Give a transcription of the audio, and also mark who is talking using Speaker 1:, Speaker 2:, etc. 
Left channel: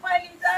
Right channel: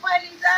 Speaker 1: 欢迎林森